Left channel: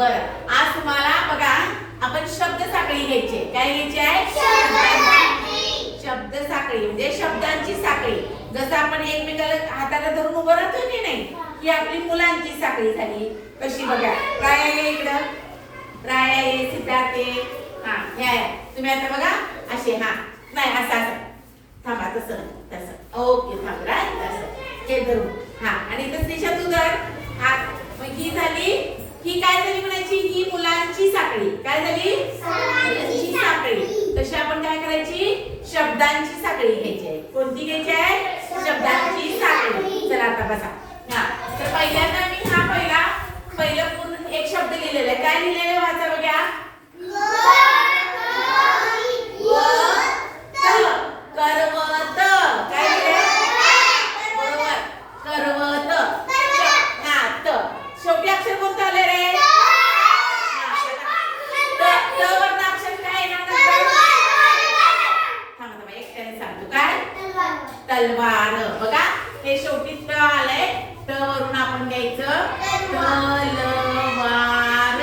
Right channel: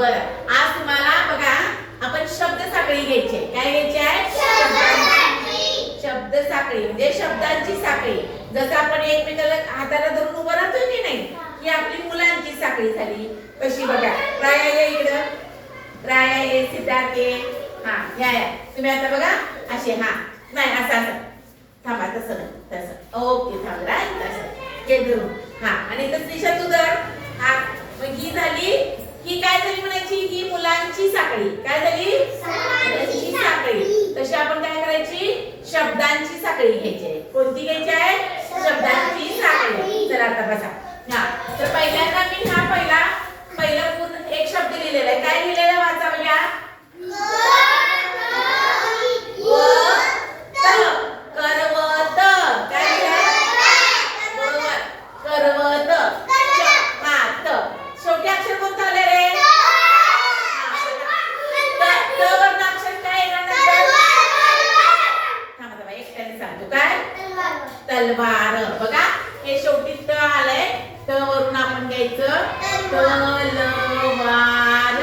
बरं आज तुम्हाला बघा आपण शब्द साखळी घ्यायची आहे. काय घ्यायची आहे? शब्द साखळी म्हणजे शब्दांची साखळी. जसं आपण एकमेकाला हाताला धरून उभं राहतो की नाही ही आपली मुलांची साखळी झाली. कशी बघा. राया ये इकडं. राया ये सिद्धार्थ ये. हा या या. तुम्ही आता बघा असे हा. नाही असं असं. थांबा तसं तसं. ओके थांब राय तसं. हे धरून. हा आणि इथं स्नेशा तू धर. हा मग ही झाली ही काय झाली म्हणायची? ही मुलांची साखळी. काय झाली? मुलांची साखळी. तशी आपण काय करायची? शब्दांची साखळी घ्यायची आहे. कोणती घ्यायची आहे? शब्दांची साखळी. चला आता बसा. हा तर पहिल्यांदा मी हा पहिला पहिलं पूर्ण एक शब्द लिहिलेला आहे काय लिहिलेलं आहे? वाचा बघा करवत काय लिहिलंय? बरोबर करवत हा त शेवटी अक्षर कोणतं आले रे हा, त त वरनं अक्षर काय येणार नंतर थांबा थांबा एकट्याने सांगतो काय तलवार. बघा हे शेवटी त आलंय. त वरून आपण घ्यायचं तलवार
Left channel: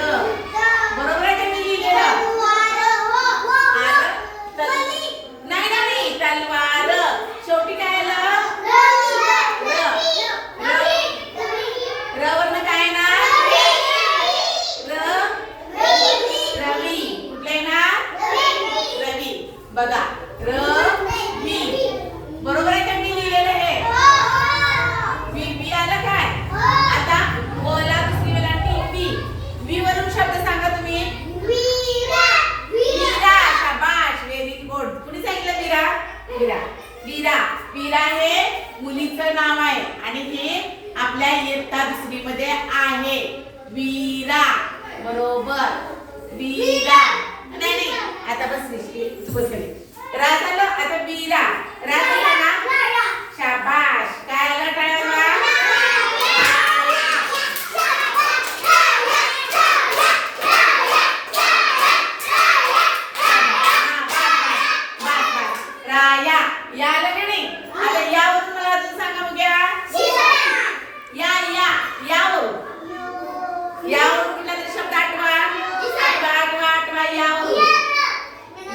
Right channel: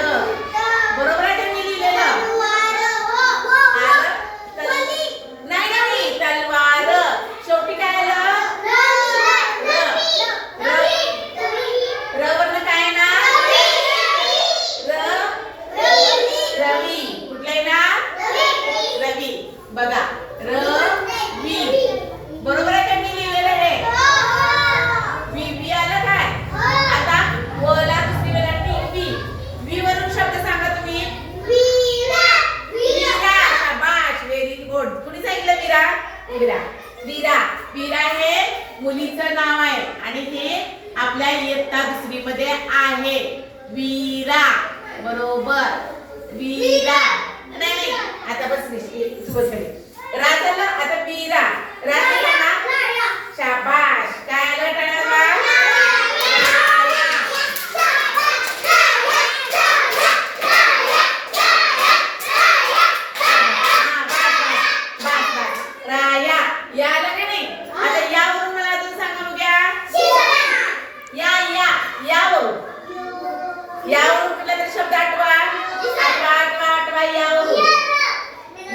बरोबर आहे का मी लिहिलेलं आलं? तल- नाही नाही तलवार शेवटी काय आलं र वरनं काय येणार र रवी कुठले ना रवी बघा रवी बरोबर आहे का मी लिहिलेलं हे वी वी आलं काय आता वला दुसरी वेळा वी वी वरून शब्द सांगा तुम्ही वीरा शाबाश व्हेरी गुड कुणी सांगितलं वीरा वीरा वीरा आहे मुलीचं नाव आहे आणि हे आपल्या इयत्ता दुसरी मध्ये आहे. वीरा बरोबर. वीरा. नाही नाही आता बस निश्चित राजाला आता वीरा. राजाला झालं ना शाबाश काय आलं टाळ्याला राया या आलं का नाही आता यावरून मला अजून सांगा बघ्या या या यावरून यावरून कुठला तरी शब्द आठवा आठवा आठवा आठवा यावरून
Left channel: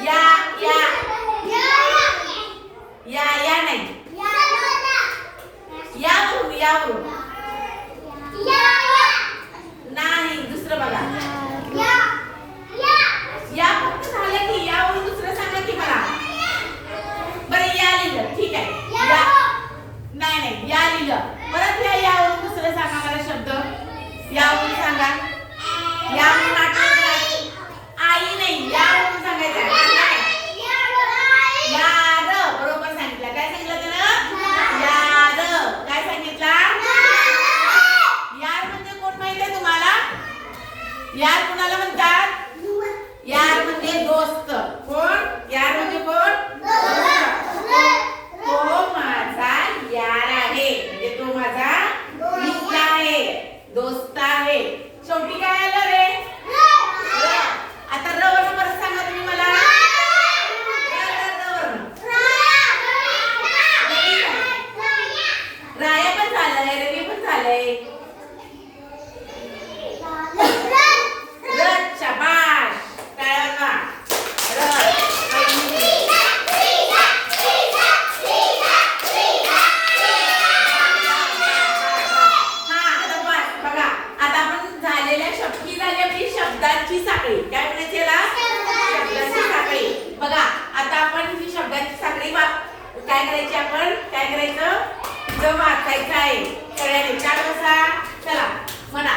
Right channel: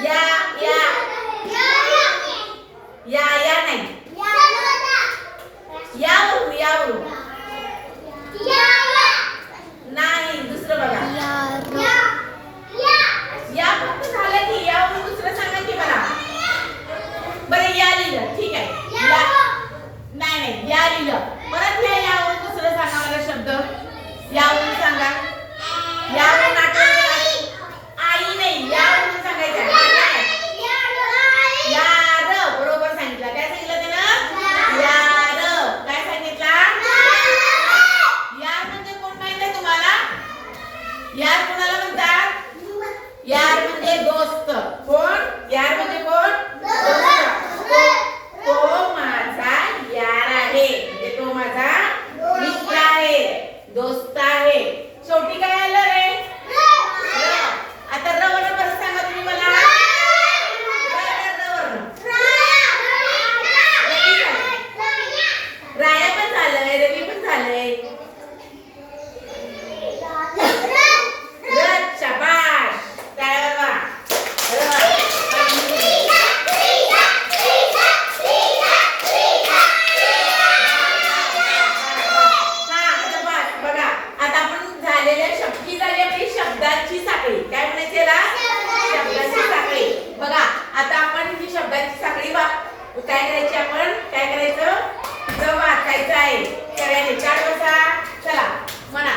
या या या या नाही यावरून यावरून नाही दुसरं बघा. या फक्त झालं की यावरून दुसरं सांगा की मला. बरं या लिहिलं. ठीक आहे. या. नाही नाही या लिहिलं. परत या यावरून दुसरं सांगा मला शब्द. यावरून सांगा. यावरून आठवण करा. आई नाही यावरून सांगायचं आहे. यार बरोबर सांगितलं काय सांगितलं तिनं यार काय सांगितलं यार म्हणजे कोण माहीत आहे तुम्हाला यार कोणाला म्हणतात यार म्हणजे दोस्त कोण यार म्हणजे कोण दोस्त. तो माझा यार आहे म्हणजे तो माझा मित्र आहे दोस्त आहे शेवटी काय आलं रे र. आता र वरनं परत सांगा तुम्ही मला र, र, र वरनं. राया पण झालंय रवी पण झालंय र शाबाश टाळ्या वाजवा. र. हा, आता बघ, बघा आता आपण झालेल्या शब्द ही झाली आपली शब्दांची साखळी. काय म्हणायचे साखळी. बघा आता आपण ही शब्दांची साखळी काय करायची आपण? काय करायचं? वाचायचं आहे. चार बसा. चला म्हणा.